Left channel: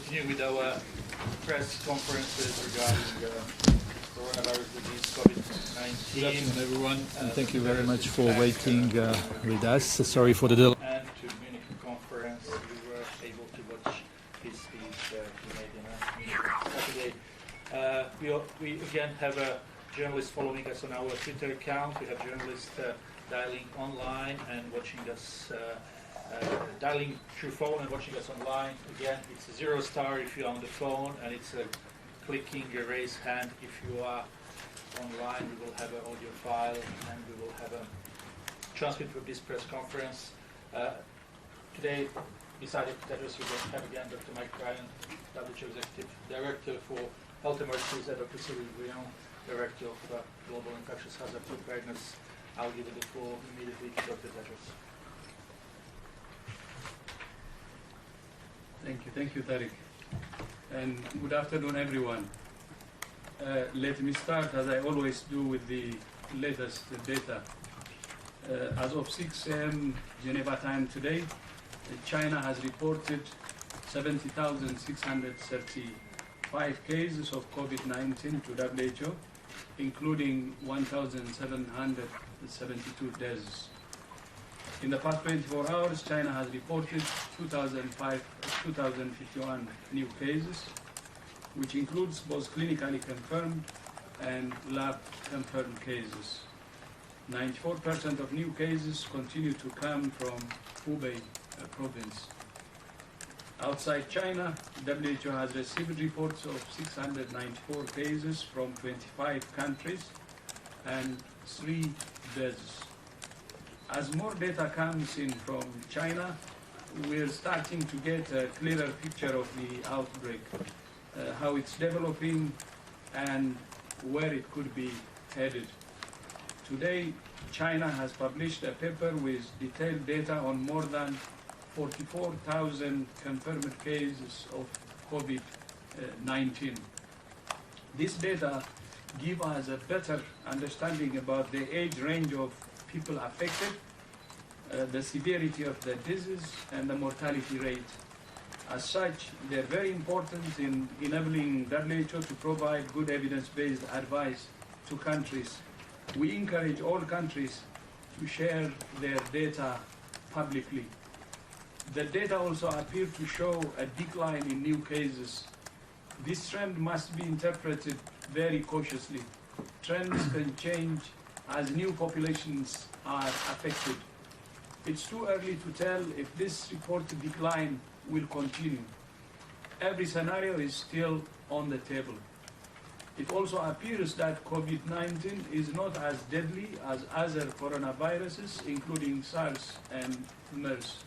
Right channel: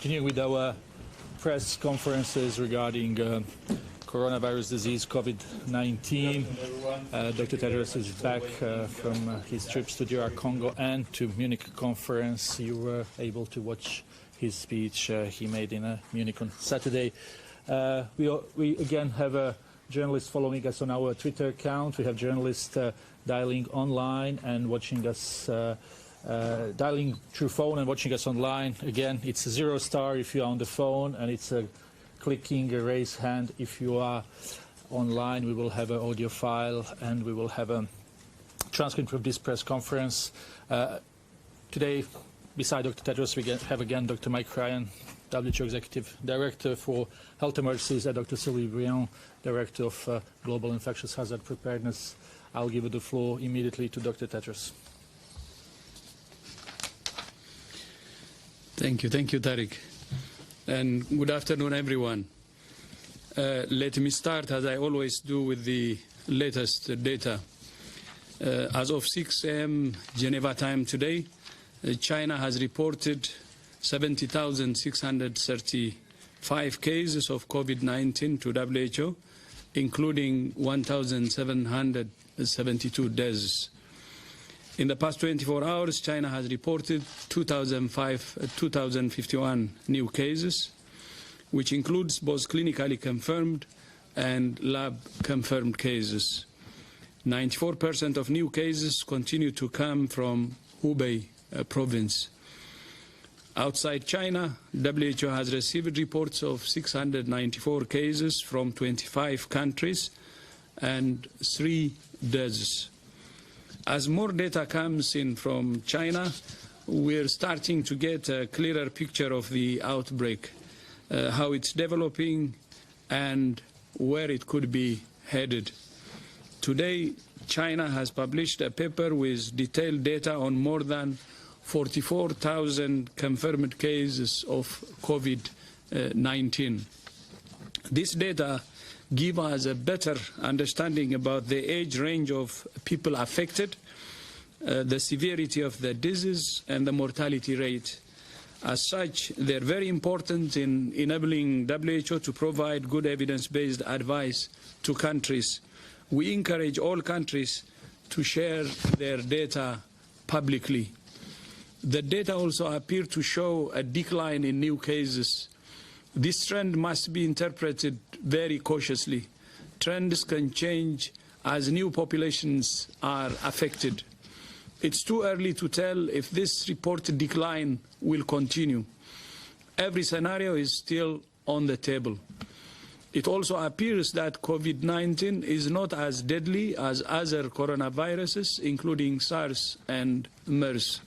Continuing with our press conferences regarding coronavirus disease, COVID-19. Good afternoon, everyone. Thank you very much for waiting with us. Sorry for the delay. And to Munich conference, you were able to watch his speech he made in Munich on Saturday. We again have a journalist following us on our Twitter account. We have journalists dialing online and watching us, dialing through phone and watching us online. Again, it's a 0 star if you're on the phone, and it's a clicking a raise hand if you are online. We will have an audio file and we will have a transcript of this press conference. Today, beside Dr. Tedros, we have again Dr. Mike Ryan, WHO Executive Director for Health Emergencies, and Dr. Sylvie Briand, Director of Global Infectious Hazard Preparedness. I'll give the floor immediately to Dr. Tedros. Thank you, Tariq. And good afternoon, everyone. Let me start, as I always do, with the latest data. As of 6 a.m. Geneva time today, China has reported 70,635 cases of COVID-19 to WHO, including 1,772 deaths. In the past 24 hours, China has reported 2,051 new cases, which includes both clinically confirmed and lab-confirmed cases. 94% of new cases continue to come from Hubei province. Outside China, WHO has received reports of 694 cases from 25 countries and 3 deaths. As more data comes in from China, we're starting to get a clearer picture of the outbreak, how it's developing and where it could be headed. Today, China has published a paper with detailed data on more than 44,000 confirmed cases of COVID-19. This data give us a better understanding about the age range of people affected, the severity of the disease, and the mortality rate. As such, they're very important in enabling WHO to provide good evidence-based advice to countries. We encourage all countries to share their data publicly. The data also appear to show a decline in new cases. This trend must be interpreted very cautiously. Trends can change as new populations are affected. It's too early to tell if this reported decline will continue. Every scenario is still on the table. It also appears that COVID-19 is not as deadly as other coronaviruses, including SARS and MERS.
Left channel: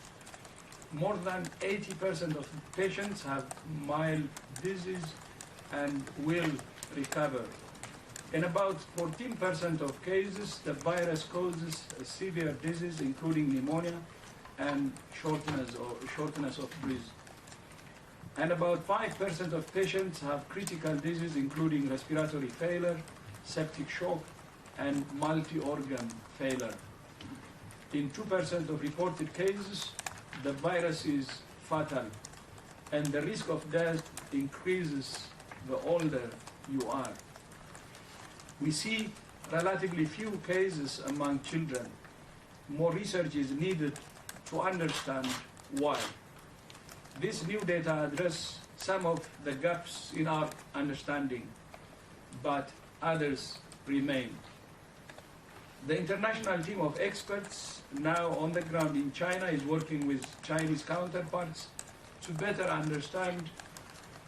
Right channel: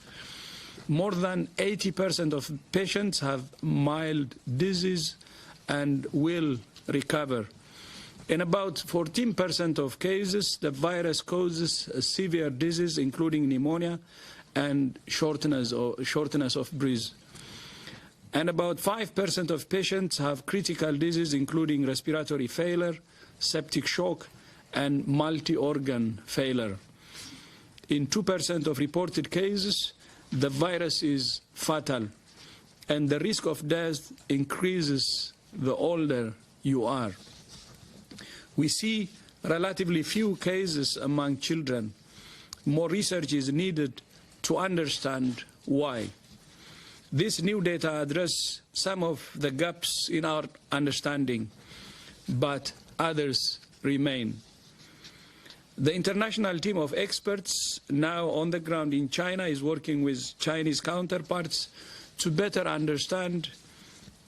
More than 80% of patients have mild disease and will recover. In about 14% of cases, the virus causes a severe disease, including pneumonia and shortness of breath. And about 5% of patients have critical disease, including respiratory failure, septic shock, and multi-organ failure. In 2% of reported cases, the virus is fatal, and the risk of death increases the older you are. We see relatively few cases among children. More research is needed to understand why. This new data address some of the gaps in our understanding, but others remain. The international team of experts now on the ground in China is working with Chinese counterparts to better understand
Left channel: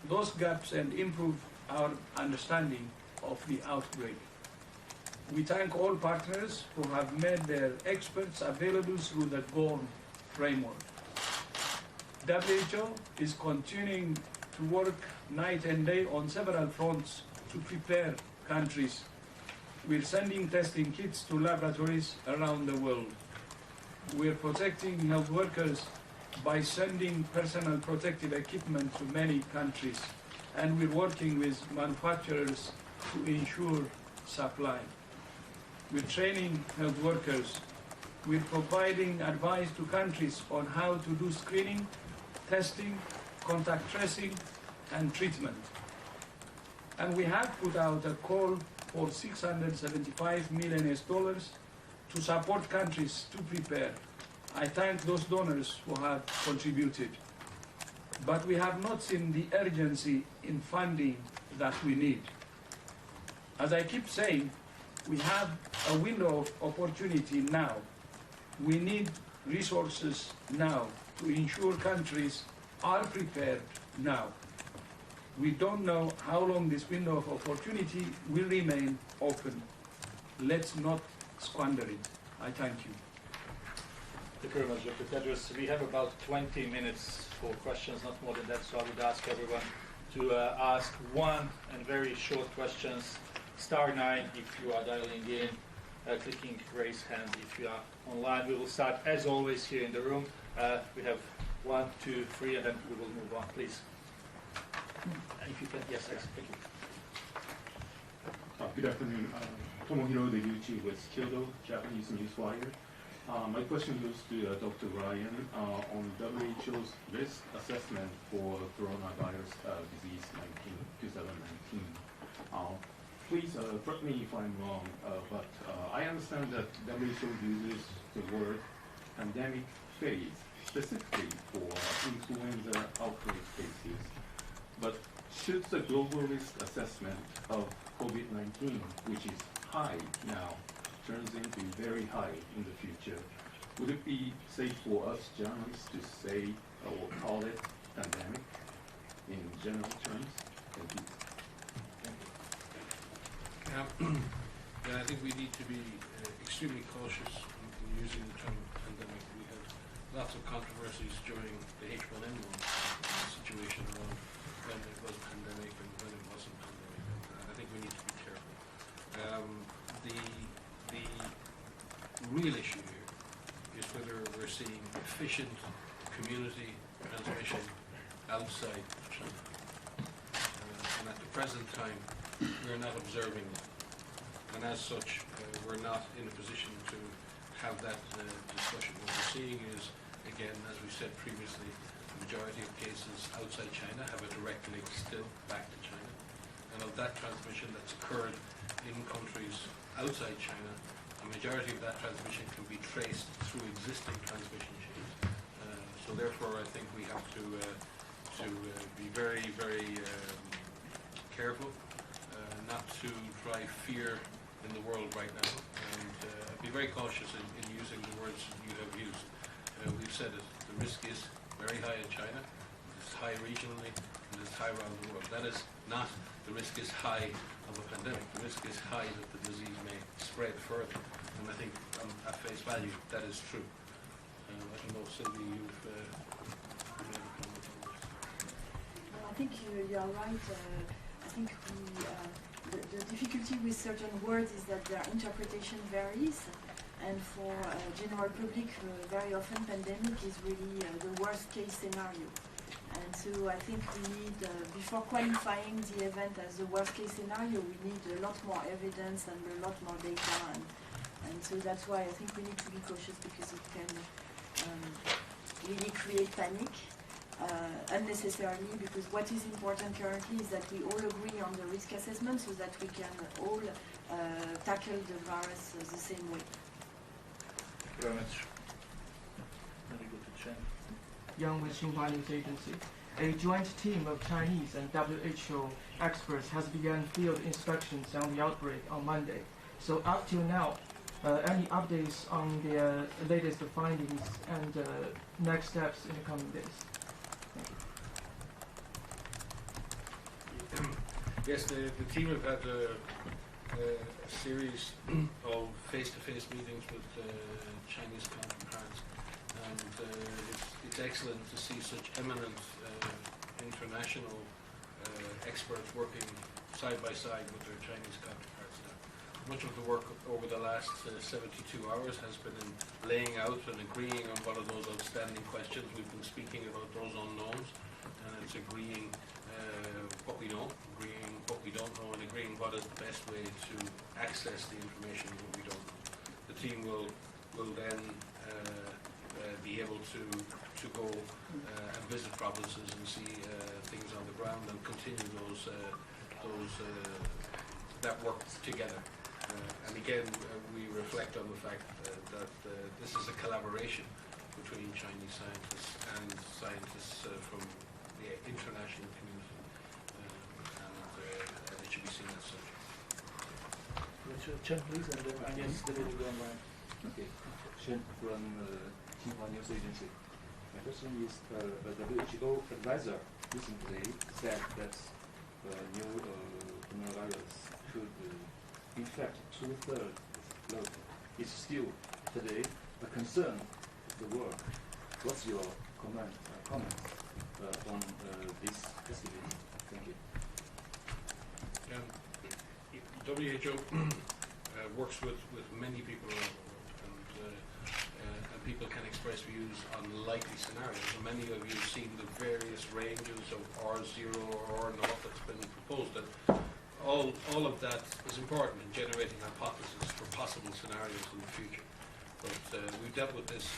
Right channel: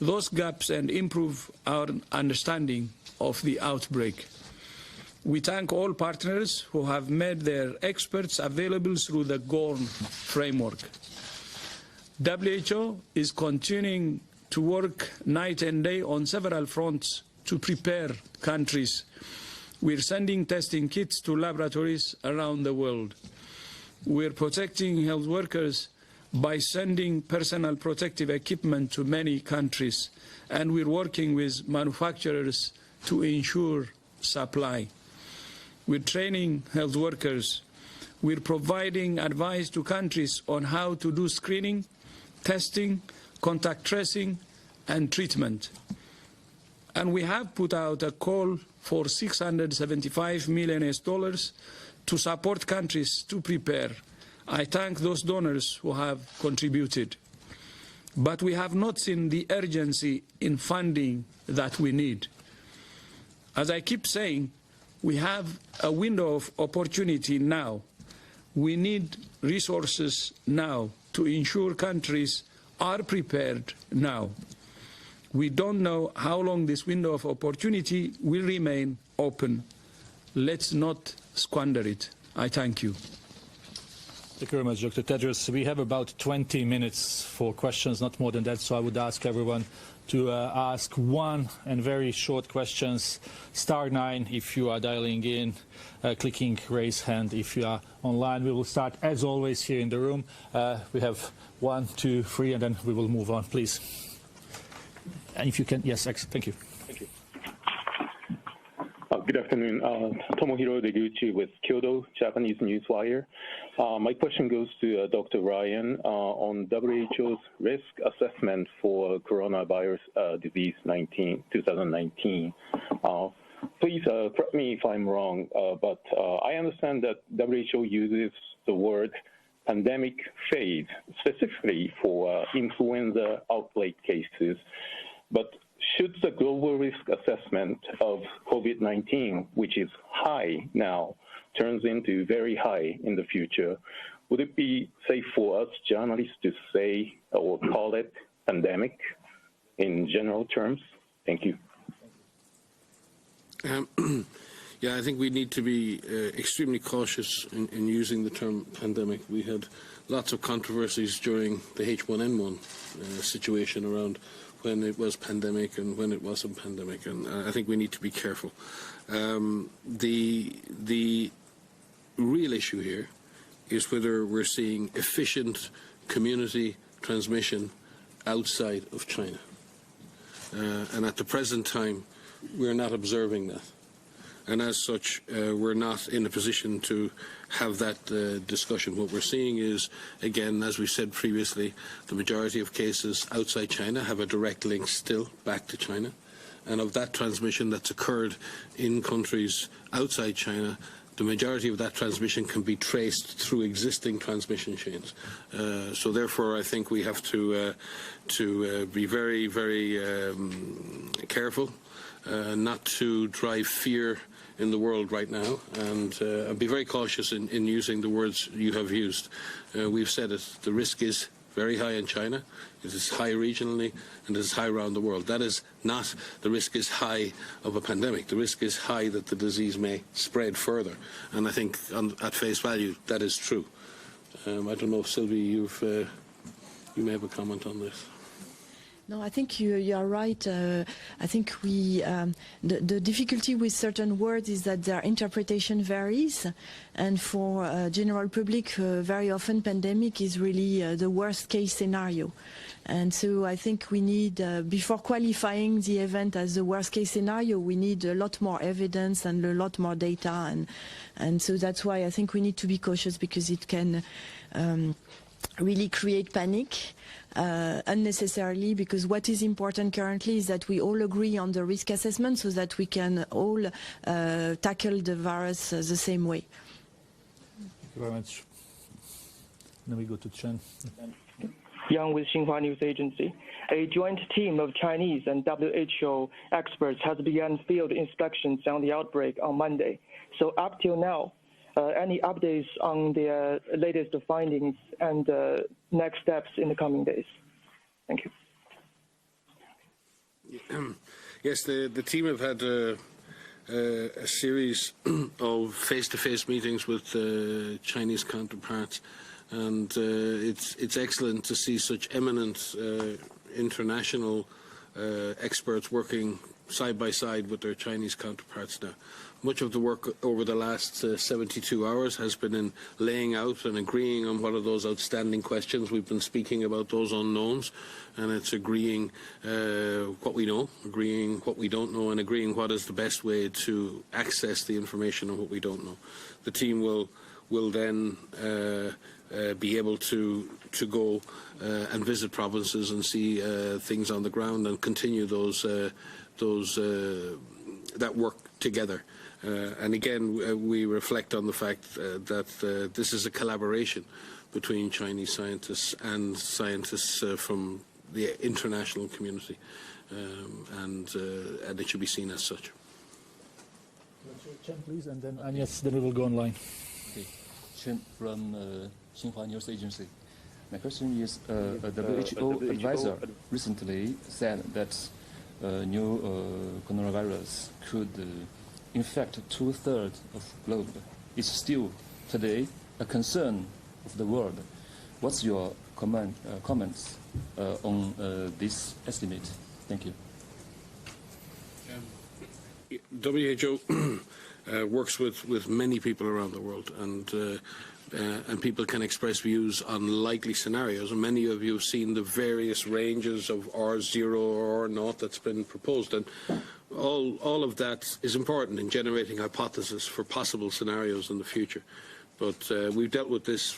those gaps and improve our understanding of the outbreak. We thank all partners who have made their experts available through the GORN framework. WHO is continuing to work night and day on several fronts to prepare countries. We're sending testing kits to laboratories around the world. We're protecting health workers by sending personal protective equipment to many countries, and we're working with manufacturers to ensure supply. We're training health workers. We're providing advice to countries on how to do screening, testing, contact tracing, and treatment. And we have put out a call for $675 million to support countries to prepare. I thank those donors who have contributed. But we have not seen the urgency in funding that we need. As I keep saying, we have a window of opportunity now. We need resources now to ensure countries are prepared now. We don't know how long this window of opportunity will remain open. Let's not squander it. I thank you. Thank you very much, Dr. Tedros. We have about 20 minutes for questions, not more than that, so I would ask everyone to ask one and very short questions. *9 if you are dialing in, clicking raise hand if you are online. We will start, as always, here in the room. We have 1, 2, 3, and then we will move on, please. And if you can, yes, excellent. Thank you. Good afternoon. Tomohiro Deguchi with Kyodo Japanese Newswire. My question goes to Dr. Ryan on WHO's risk assessment for coronavirus disease 2019. Please correct me if I'm wrong, but I understand that WHO uses the word pandemic phase specifically for influenza outbreak cases. But should the global risk assessment of COVID-19, which is high now, turns into very high in the future, would it be safe for us journalists to say or call it pandemic in general terms? Thank you. Yeah, I think we need to be extremely cautious in using the term pandemic. We had lots of controversies during the H1N1 situation around when it was pandemic and when it wasn't pandemic, and I think we need to be careful. The real issue here is whether we're seeing efficient community transmission outside of China. And at the present time, we're not observing that. And as such, we're not in a position to have that discussion. What we're seeing is, again, as we said previously, the majority of cases outside China have a direct link still back to China. And of that transmission that's occurred in countries outside China, the majority of that transmission can be traced through existing transmission chains. So therefore, I think we have to be very, very careful not to drive fear in the world right now, and I'll be very cautious in using the words you have used. We've said it, the risk is very high in China, it is high regionally, and it is high around the world. That is not the risk is high of a pandemic. The risk is high that the disease may spread further, and I think at face value that is true. I don't know, Sylvie, you may have a comment on this. No, I think you are right. I think the difficulty with certain words is that their interpretation varies, and for general public, very often pandemic is really the worst case scenario. And so I think we need, before qualifying the event as the worst case scenario, we need a lot more evidence and a lot more data, and so that's why I think we need to be cautious, because it can really create panic. Unnecessarily, because what is important currently is that we all agree on the risk assessment so that we can all tackle the virus the same way. Thank you very much. Now we go to Chen. Yang with Xinhua News Agency. A joint team of Chinese and WHO experts has begun field inspections on the outbreak on Monday. So up till now, any updates on the latest findings and next steps in the coming days? Thank you. Yes, the team have had a series of face-to-face meetings with Chinese counterparts. And it's excellent to see such eminent international experts working side by side with their Chinese counterparts now. Much of the work over the last 72 hours has been in laying out and agreeing on what are those outstanding questions. We've been speaking about those unknowns, and it's agreeing what we know, agreeing what we don't know, and agreeing what is the best way to access the information on what we don't know. The team will then be able to to go and visit provinces and see things on the ground and continue that work together. And again, we reflect on the fact that this is a collaboration between Chinese scientists and scientists from the international community, and it should be seen as such. Chen, please, and then Agnes, then we will go online. Okay, Chen from Xinhua News Agency. My question is, a WHO advisor recently said that new coronavirus could infect 2/3 of the globe. It's still today a concern of the world. What's your comments on this estimate? Thank you. WHO works with many people around the world, and people can express views on likely scenarios. And many of you have seen the various ranges of R0 or R0 that's been proposed, and all of that is important in generating hypotheses for possible scenarios in the future. But we've dealt with this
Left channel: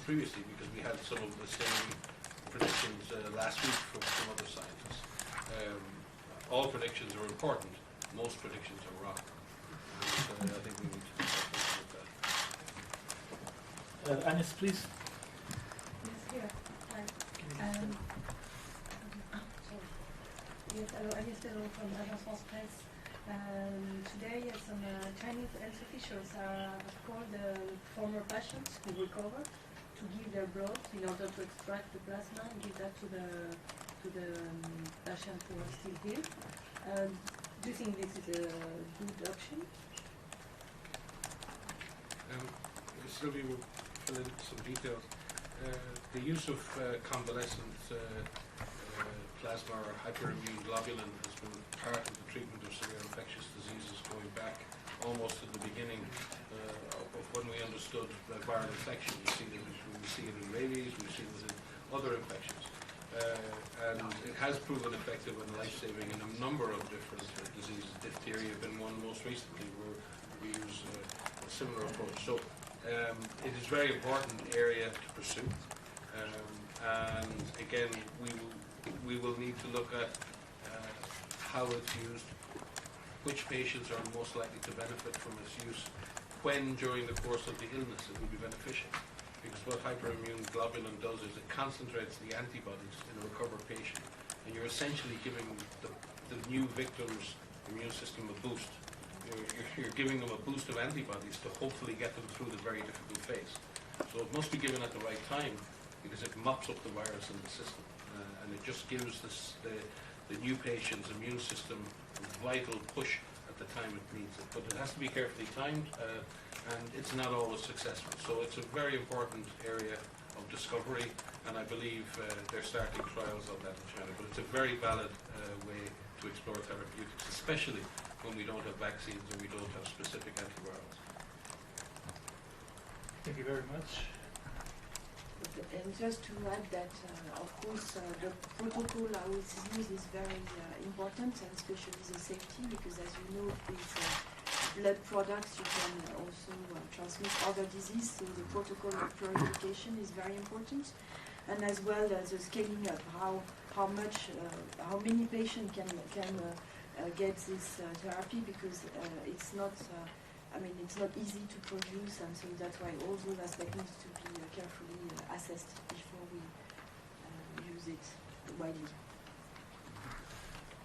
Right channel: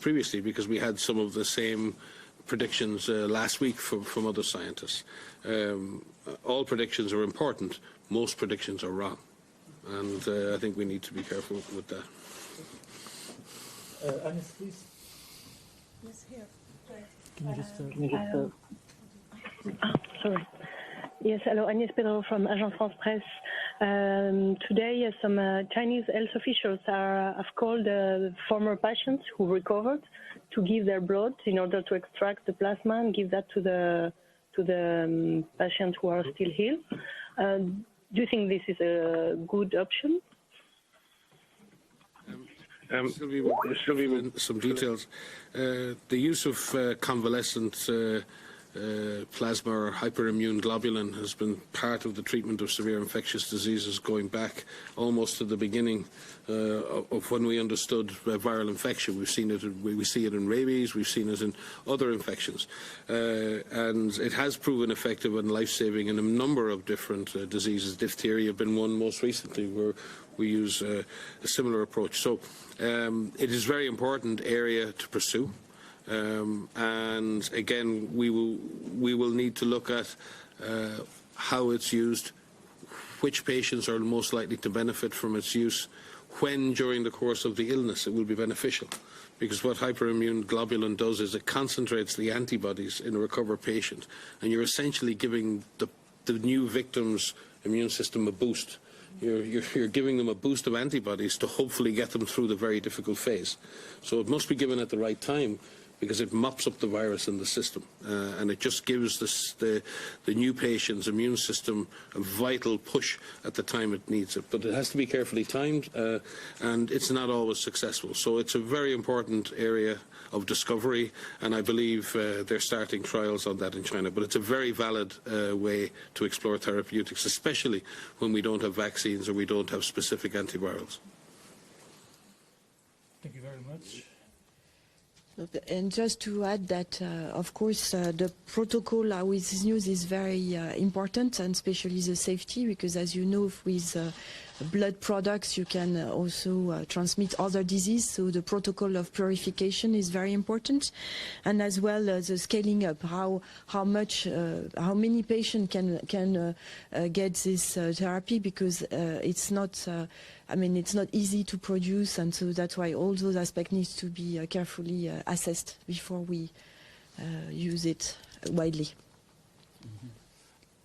previously because we had some of the same predictions last week from other scientists. All predictions are important. Most predictions are wrong. And I think we need to be careful with that. Agnes, please. Sorry. Yes, hello, Agnès Perrault from Agence France Presse. Today, some Chinese health officials have called former patients who recovered to give their blood in order to extract the plasma and give that to the patients who are still healed. Do you think this is a good option? Sylvie, with some details. The use of convalescent plasma or hyperimmune globulin has been part of the treatment of severe infectious diseases going back almost to the beginning of when we understood viral infection. We see it in rabies, we've seen it in other infections. And it has proven effective and life-saving in a number of different diseases. Diphtheria been one most recently where we use a similar approach. So it is a very important area to pursue. And again, we will need to look at how it's used, which patients are most likely to benefit from its use, when during the course of the illness it will be beneficial. Because what hyperimmune globulin does is it concentrates the antibodies in a recovered patient, and you're essentially giving the new victim's immune system a boost. You're giving them a boost of antibodies to hopefully get them through the very difficult phase. So it must be given at the right time, because it mops up the virus in the system, and it just gives the new patient's immune system a vital push at the time it needs it. But it has to be carefully timed, and it's not always successful. So it's a very important area of discovery, and I believe they're starting trials on that in China. But it's a very valid way to explore therapeutics, especially when we don't have vaccines or we don't have specific antivirals. Thank you very much. And just to add that, of course, the protocol how it's used is very important, and especially the safety, because as you know, with blood products you can also transmit other disease, so the protocol of purification is very important, and as well as the scaling up, how many patients can get this therapy, because it's not it's not easy to produce, and so that's why all those aspects need to be carefully assessed before we use it widely.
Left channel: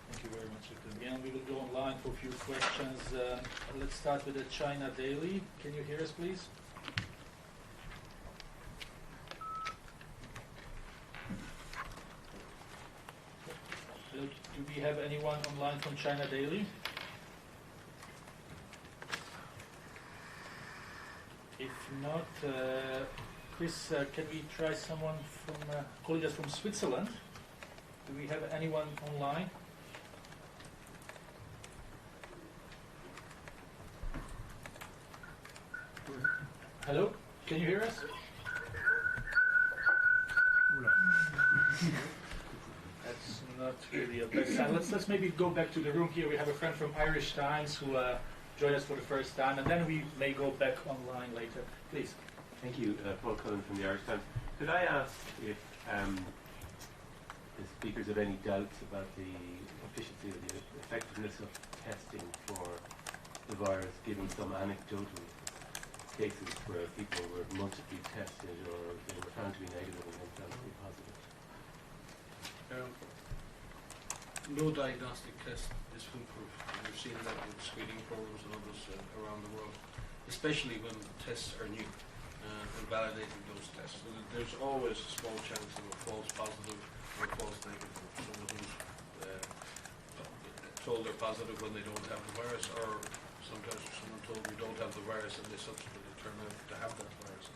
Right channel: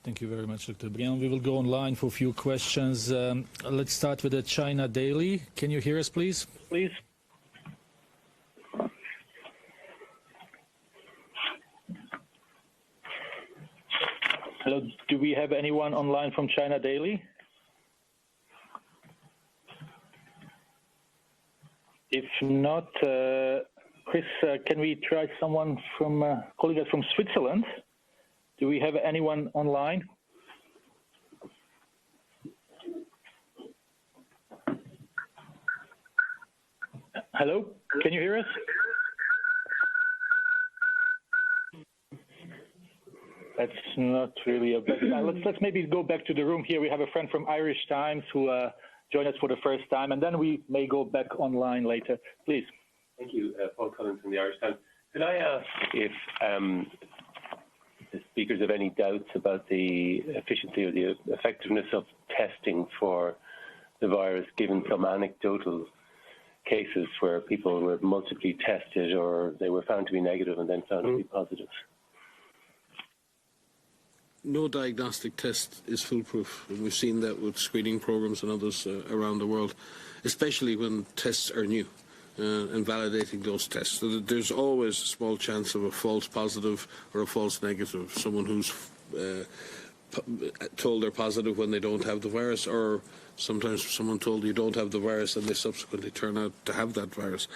Thank you very much, Dr. Briand. We will go online for a few questions. Let's start with the China Daily. Can you hear us, please? Please. Hello, do we have anyone online from China Daily? If not, Chris, can we try someone from colleagues from Switzerland? Do we have anyone online? Hello? Hello? Can you hear us? That's not really it. Let's maybe go back to the room here. We have a friend from Irish Times who joined us for the first time, and then we may go back online later. Please. Thank you, from the Irish Times. Could I ask if speakers have any doubts about the efficiency or the effectiveness of testing for the virus, given some anecdotal cases where people were multiply tested or they were found to be negative and then found to be positive? No diagnostic test is foolproof, and we've seen that with screening programs and others around the world, especially when tests are new and validating those tests. So there's always a small chance of a false positive or a false negative, someone who's told they're positive when they don't have the virus, or sometimes someone told you don't have the virus and they subsequently turn out to have that virus.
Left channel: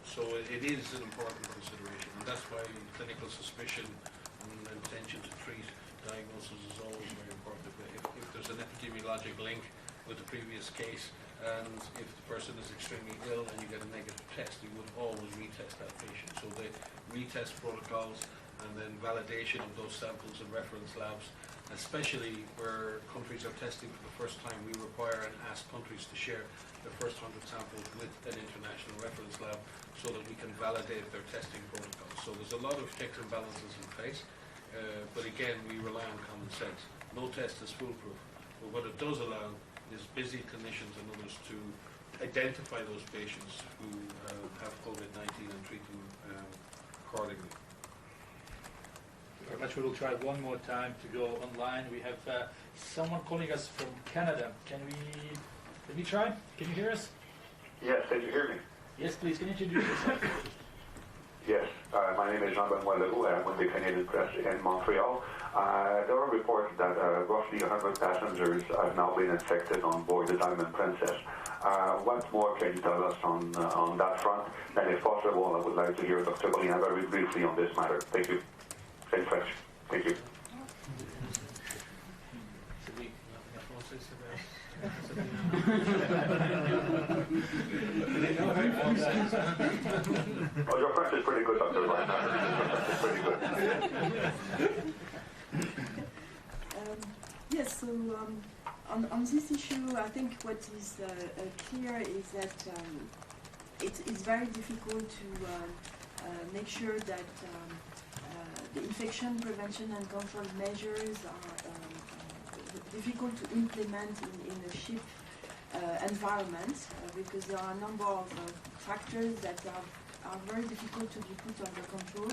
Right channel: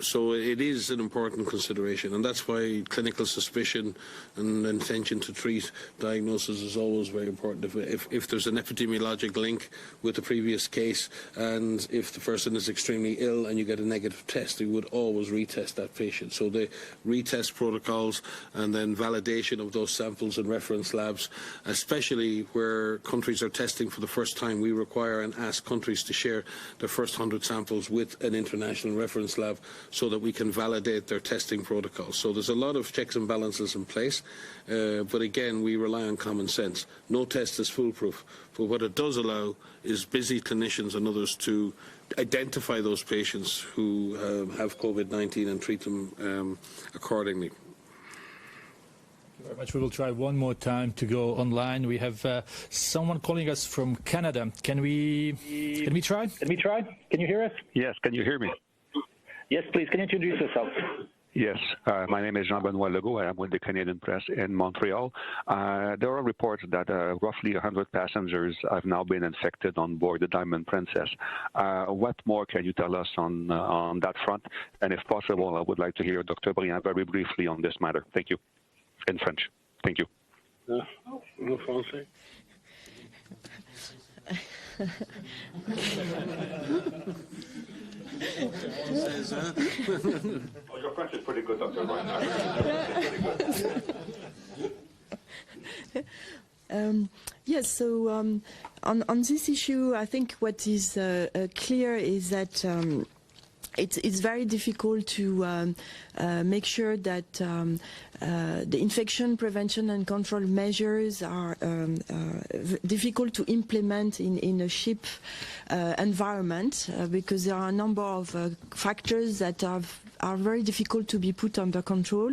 So it is an important consideration, and that's why clinical suspicion and intention to treat diagnosis is always very important. If there's an epidemiologic link with the previous case, and if the person is extremely ill and you get a negative test, you would always retest that patient. So the retest protocols and then validation of those samples in reference labs, especially where countries are testing for the first time, we require and ask countries to share their first 100 samples with an international reference lab so that we can validate their testing protocols. So there's a lot of checks and balances in place, but again, we rely on common sense. No test is foolproof, but what it does allow is busy clinicians and others to identify those patients who have COVID-19 and treat them accordingly. Very much. We will try one more time to go online. We have someone calling us from Canada. Can we try? Can we try? Can you hear us? Yes, can you hear me? Yes, please. Yes, please. Can you introduce yourself? Yes, my name is Jean-Benoit Legault. I'm with the Canadian Press in Montreal. There are reports that roughly 100 passengers have now been infected on board the Diamond Princess. What more can you tell us on that front? And if possible, I would like to hear Dr. Briand very briefly on this matter. Thank you. In French. Thank you. Oh, your French is pretty good, Dr. Yes, so on this issue, I think what is clear is that it's very difficult to make sure that the infection prevention and control measures are difficult to implement in a ship environment because there are a number of factors that are very difficult to be put under control,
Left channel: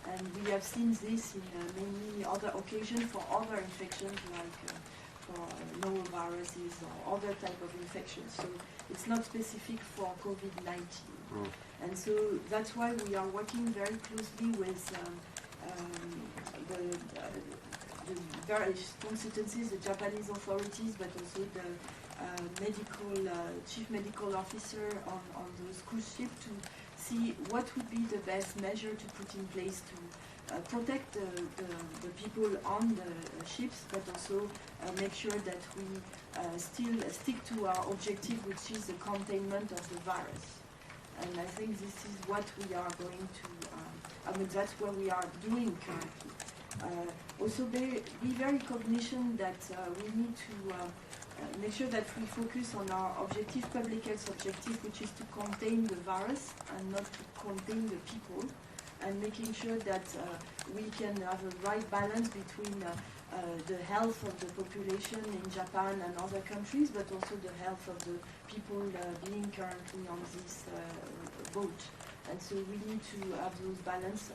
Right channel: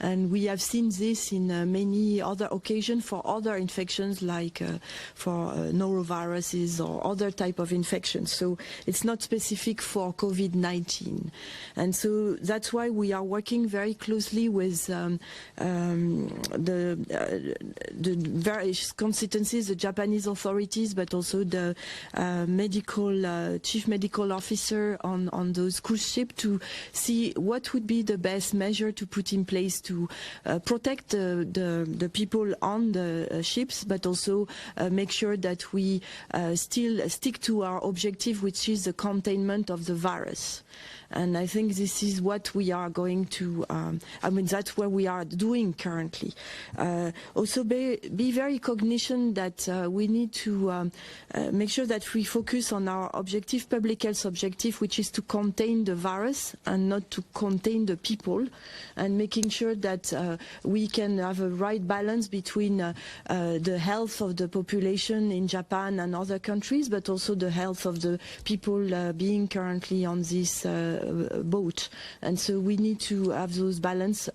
and we have seen this in many other occasions for other infections like for noroviruses or other type of infections. So it's not specific for COVID-19, and so that's why we are working very closely with the various constituencies, the Japanese authorities, but also the chief medical officer on those cruise ships to see what would be the best measure to put in place to protect the people on the ships, but also make sure that we still stick to our objective, which is the containment of the virus. And I think this is what we are going to, that's what we are doing currently. Also be very cognizant that we need to make sure that we focus on our objective, public health objective, which is to contain the virus and not to contain the people, and making sure that we can have a right balance between the health of the population in Japan and other countries, but also the health of the people being currently on this boat. And so we need to have those balance.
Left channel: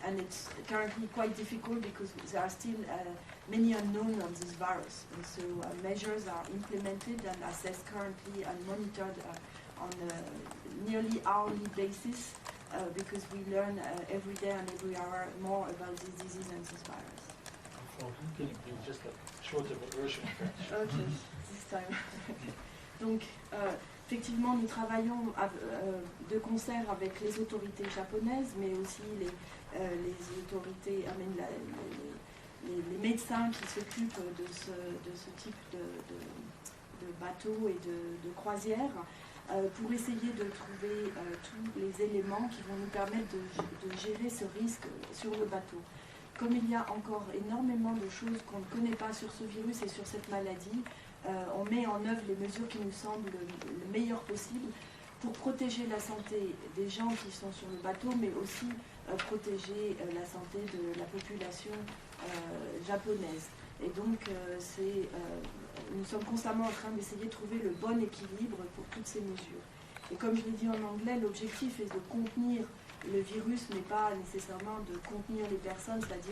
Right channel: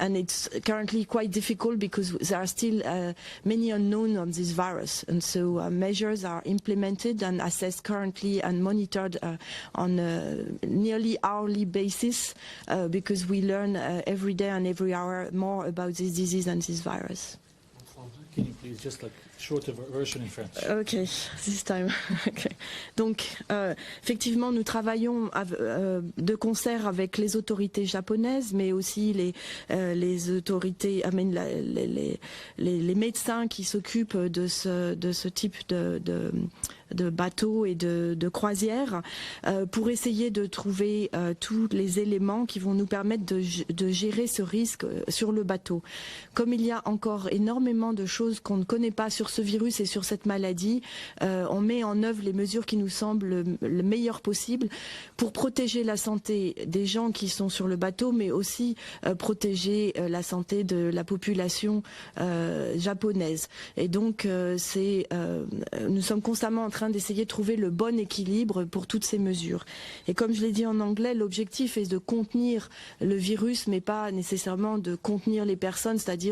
And it's currently quite difficult because there are still many unknowns on this virus, and so measures are implemented and assessed currently and monitored on a nearly hourly basis because we learn every day and every hour more about this disease and this virus. Can you please just like shorter version in French? Okay, this time. Okay. Donc, effectivement, nous travaillons de concert avec les autorités japonaises, mais aussi les autorités, les médecins qui s'occupent de ce type bateaux et de croisières pour essayer de trouver tous les éléments qui vont nous permettre de gérer ce risque sur le bateau. Comme il y a encore énormément de choses qu'on ne connaît pas sur ce virus et sur cette maladie, on met en œuvre les mesures qui nous semblent le meilleur possible pour protéger la santé des gens qui sont sur le bateau, mais aussi protéger la santé de la population japonaise. Et donc, nous sommes constamment en train d'essayer de trouver le bon équilibre pour toutes ces mesures. Et comme je l'ai dit en anglais, l'objectif est de contenir le virus, mais pas nécessairement de contenir les personnes, c'est-à-dire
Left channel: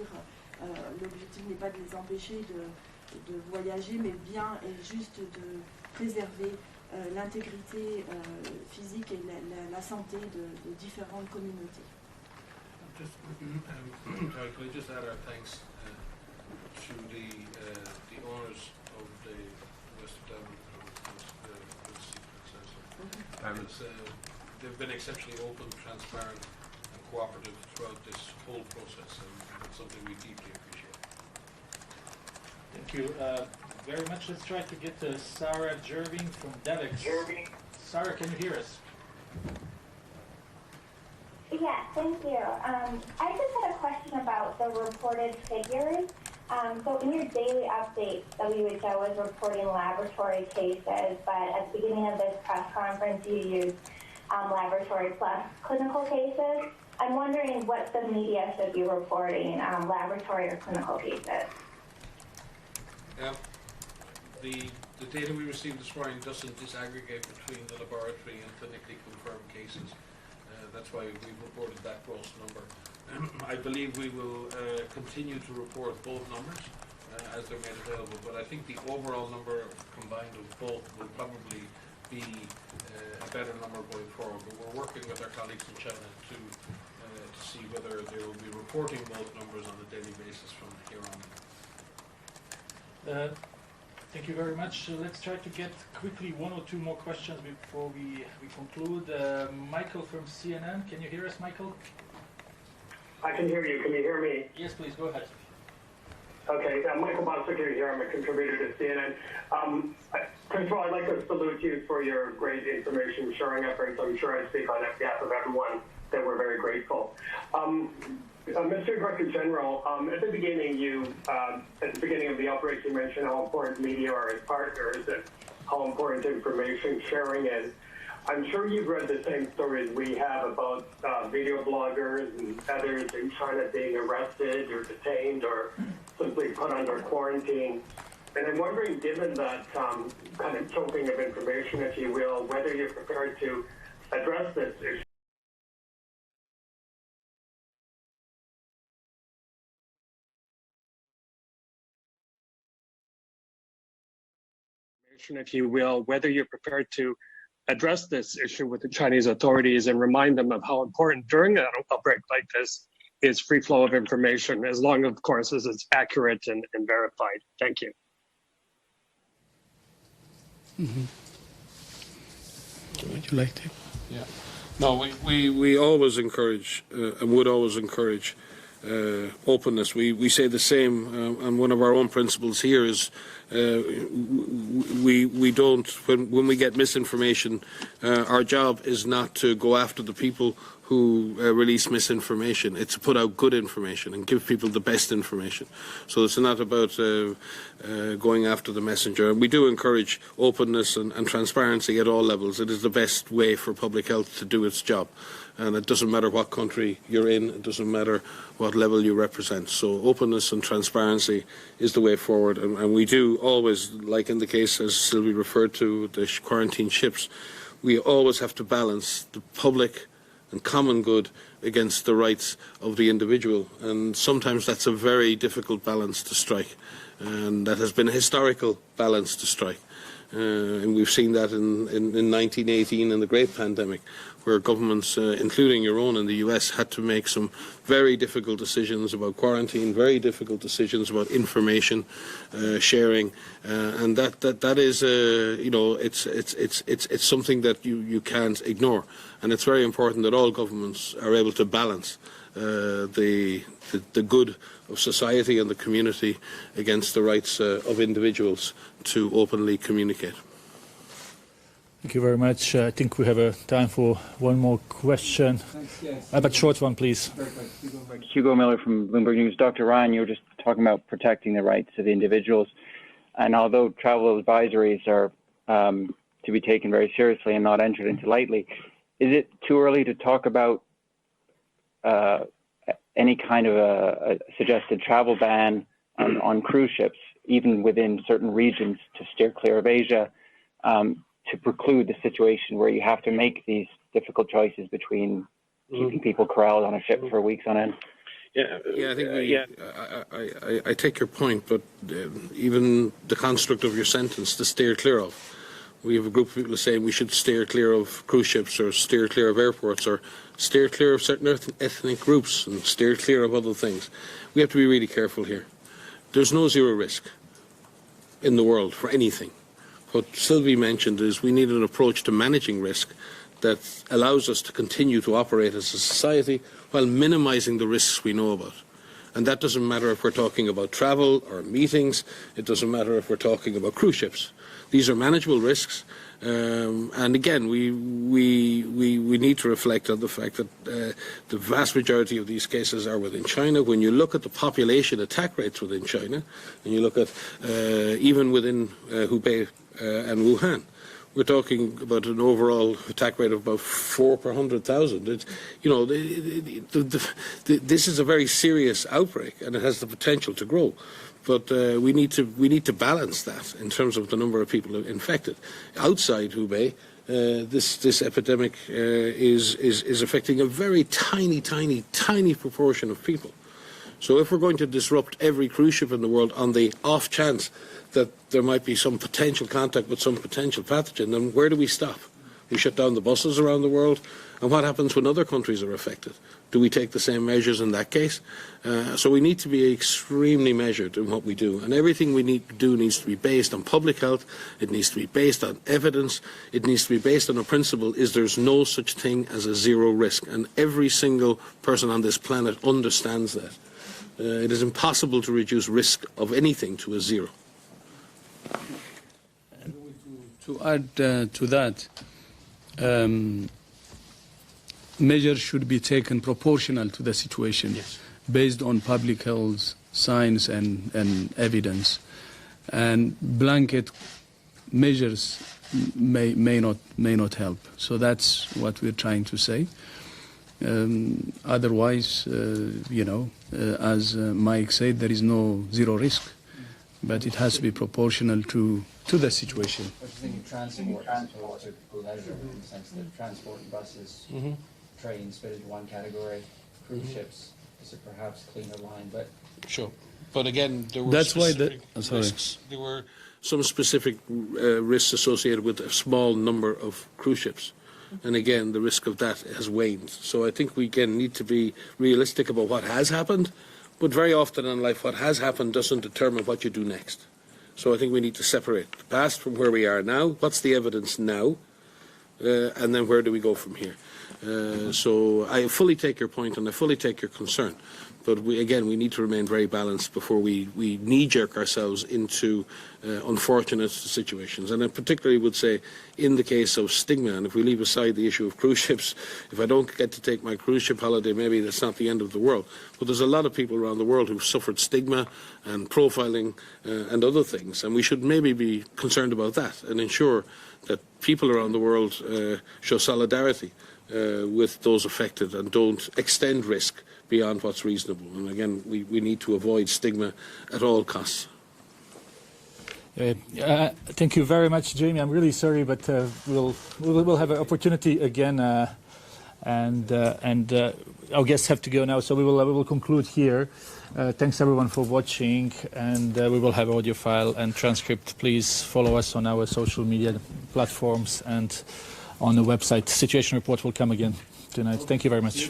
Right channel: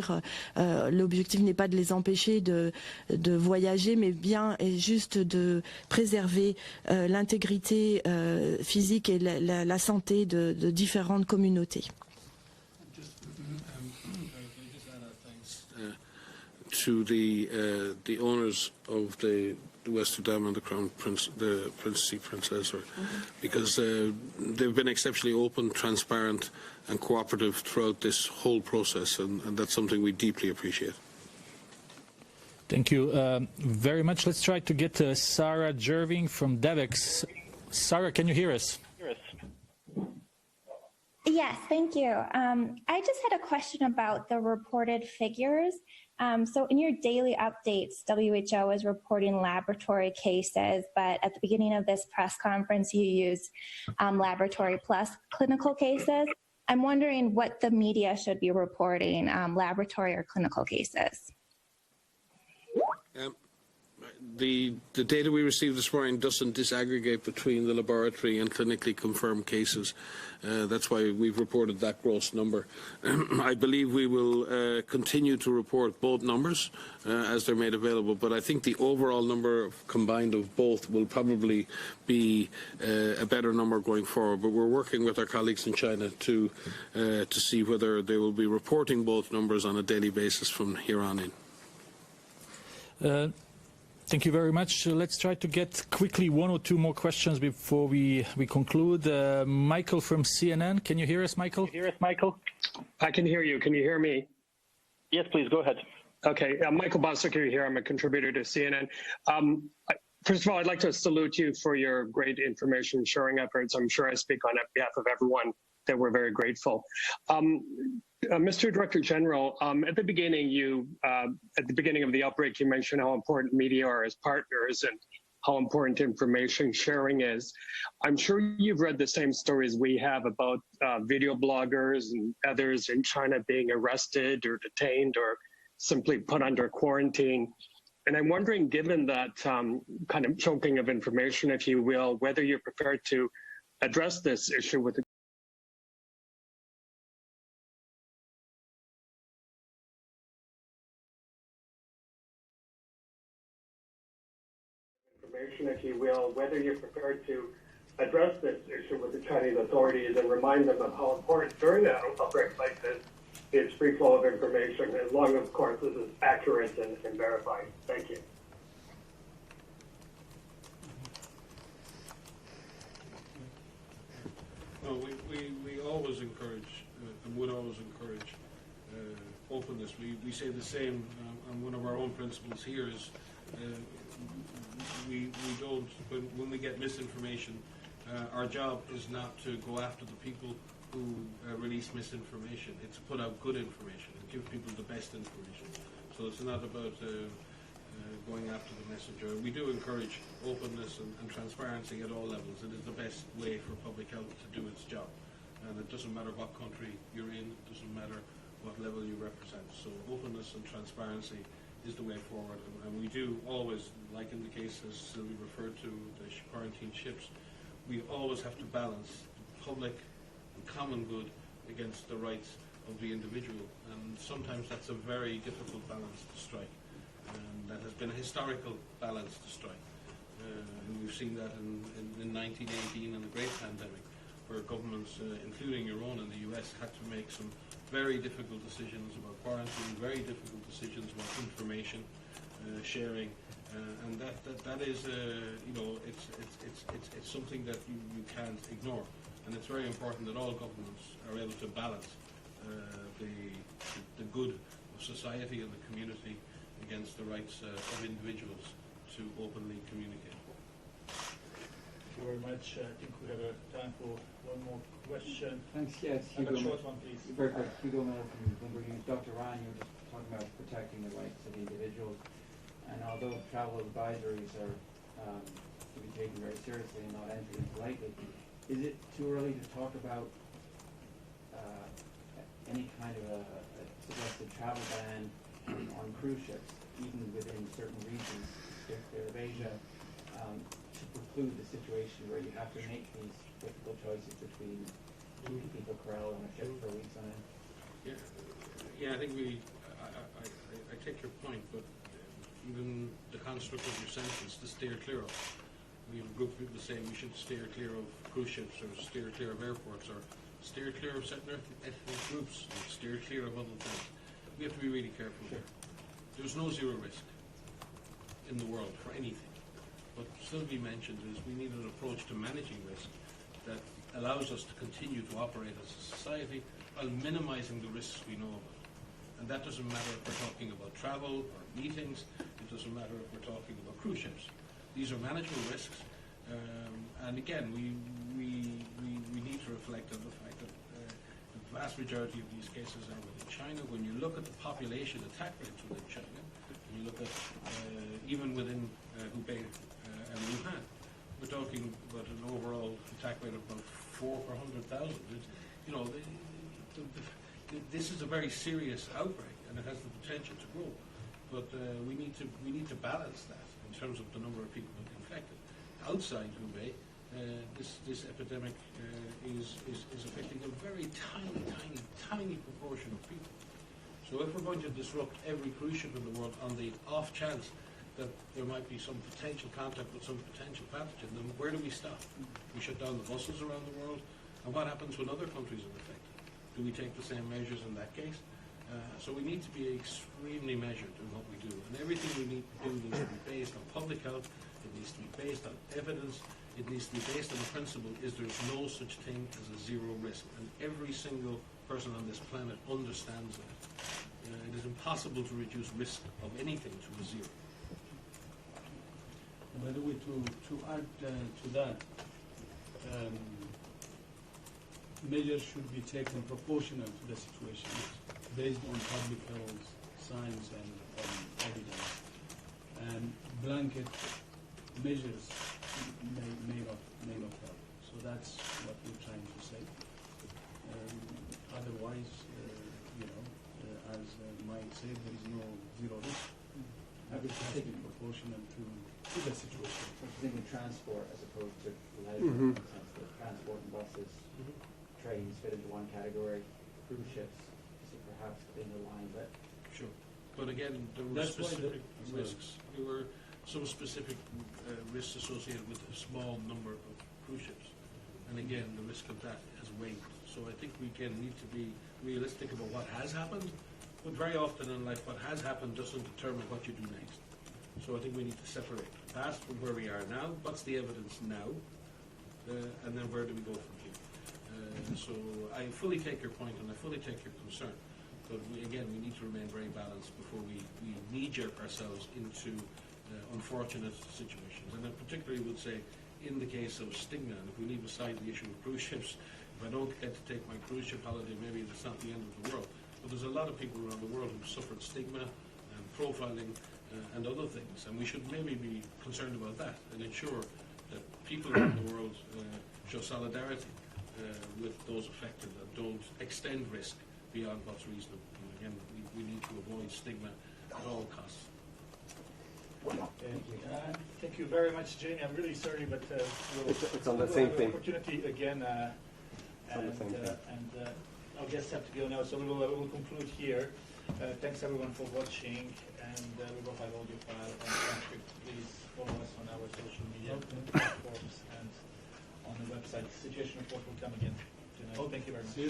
l'objectif n'est pas de les empêcher de voyager, mais bien et juste de préserver l'intégrité physique et la santé de différentes communautés. To the owners of the Western Dam and the Crown Prince, the Princess Princess, because they've been exceptionally open, transparent, and cooperative throughout this whole process, and that's something we deeply appreciate. Thank you very much. Let's try to get Sarah Jerving from DEVEX. Sarah, can you hear us? Yes, thank you. I just had a question about the reported figures. So in your daily updates, WHO is reporting laboratory cases, but at the beginning of this press conference, you used laboratory plus clinical cases. I'm wondering what the media should be reporting, laboratory or clinical cases. Yeah. The data we received this morning doesn't disaggregate between the laboratory and clinically confirmed cases. That's why we've reported that gross number. I believe we will continue to report both numbers as they're made available, but I think the overall number combined of both will probably be a better number going forward. But we're working with our colleagues in China to see whether they will be reporting both numbers on a daily basis from here on in. Thank you very much. Let's try to get quickly one or two more questions before we conclude. Michael from CNN, can you hear us, Michael? I can hear you. Can you hear me? Yes, please go ahead. Yes, please go ahead. Okay, I'm Michael Bostic here. I'm a contributor to CNN. First of all, I'd like to salute you for your great information sharing efforts. I'm sure I speak on behalf of everyone that we're very grateful. Mr. Director General, at the beginning of the outbreak, you mentioned how important media are as partners and how important information sharing is. I'm sure you've read the same stories we have about video bloggers and others in China being arrested or detained or simply put under quarantine. And I'm wondering, given that kind of choking of information, if you will, whether you're prepared to address this issue with if you will, whether you're prepared to address this issue with the Chinese authorities and remind them of how important during an outbreak like this is free flow of information, as long, of course, as it's accurate and verified. Thank you. Mm-hmm. Would you like to? Yeah. No, we always encourage and would always encourage openness. We say the same, and one of our own principles here is we don't, when we get misinformation, our job is not to go after the people who release misinformation. It's to put out good information and give people the best information. So it's not about going after the messenger. We do encourage openness and transparency at all levels. It is the best way for public health to do its job. And it doesn't matter what country you're in, it doesn't matter what level you represent. So openness and transparency is the way forward. And we do always, like in the case as Sylvie referred to, the quarantine ships, we always have to balance the public and common good against the rights of the individual. And sometimes that's a very difficult balance to strike. And that has been a historical balance to strike. And we've seen that in 1918 in the Great Pandemic, where governments, including your own in the US, had to make some very difficult decisions about quarantine, very difficult decisions about information sharing, and that is, you know, it's something that you can't ignore, and it's very important that all governments are able to balance the good of society and the community against the rights of individuals to openly communicate. Thank you very much. I think we have time for one more question. But short one, please. Hugo Miller from Bloomberg News. Dr. Ryan, you were just talking about protecting the rights of individuals. And although travel advisories are to be taken very seriously and not entered into lightly, is it too early to talk about any kind of a suggested travel ban on cruise ships, even within certain regions, to steer clear of Asia, to preclude the situation where you have to make these difficult choices between keeping people corralled on a ship for weeks on end? Yeah, I think I take your point, but even the construct of your sentence, to steer clear of. We have a group of people saying we should steer clear of cruise ships or steer clear of airports or steer clear of certain ethnic groups and steer clear of other things. We have to be really careful here. There's no zero risk in the world for anything. What Sylvie mentioned is we need an approach to managing risk that allows us to continue to operate as a society while minimizing the risks we know about. And that doesn't matter if we're talking about travel or meetings. It doesn't matter if we're talking about cruise ships. These are manageable risks. And again, we need to reflect on the fact that the vast majority of these cases are within China. When you look at the population attack rates within China, and you look at even within Hubei and Wuhan, we're talking about an overall attack rate of about 4 per 100,000. You know, this is a very serious outbreak, and it has the potential to grow. But we need to balance that in terms of the number of people infected. Outside Hubei, this epidemic is affecting a very tiny proportion of people. So if we're going to disrupt every cruise ship in the world on the off chance that there might be some potential contact with some potential pathogen, then where do we stop? We shut down the buses around the world, and what happens when other countries are affected? Do we take the same measures in that case? So we need to be extremely measured in what we do, and everything we need to do needs to be based on public health. It needs to be based on evidence. It needs to be based on a principle: is there's no such thing as a zero risk, and every single person on this planet understands that. It is impossible to reduce risk of anything to a zero. To add to that, measures should be taken proportional to the situation, based on public health, science, and evidence. And blanket measures may not help. So that's what we're trying to say. Otherwise, as Mike said, there is no zero risk, but it has to be proportional to the situation. I was thinking transport as opposed to leisure, in the sense that transport and buses, trains fit into one category, cruise ships is a perhaps cleaner line, but sure. But again, there were risks. There were some specific risks associated with a small number of cruise ships. And again, the risk of that has waned. So I think we again need to be realistic about what has happened, but very often in life what has happened doesn't determine what you do next. So I think we need to separate the past from where we are now. What's the evidence now? And then where do we go from here? So I fully take your point and I fully take your concern. But we need to remain very balanced before we knee-jerk ourselves into unfortunate situations. And I particularly would say in the case of stigma, and if we leave aside the issue of cruise ships, if I don't get to take my cruise ship holiday, maybe that's not the end of the world. But there's a lot of people around the world who've suffered stigma and profiling and other things. And we should maybe be concerned about that and ensure that people around the world show solidarity with those affected and don't extend risk beyond what's reasonable. And again, we need to avoid stigma at all costs. Thank you very much, Jamie. I'm really sorry, but we'll have an opportunity again, and our guests have to go now, so we will conclude here. Thanks everyone for watching, and we will have audio file and transcript. Please follow us on our social media platforms and on the website. Situation report will come again tonight. Thank you very much.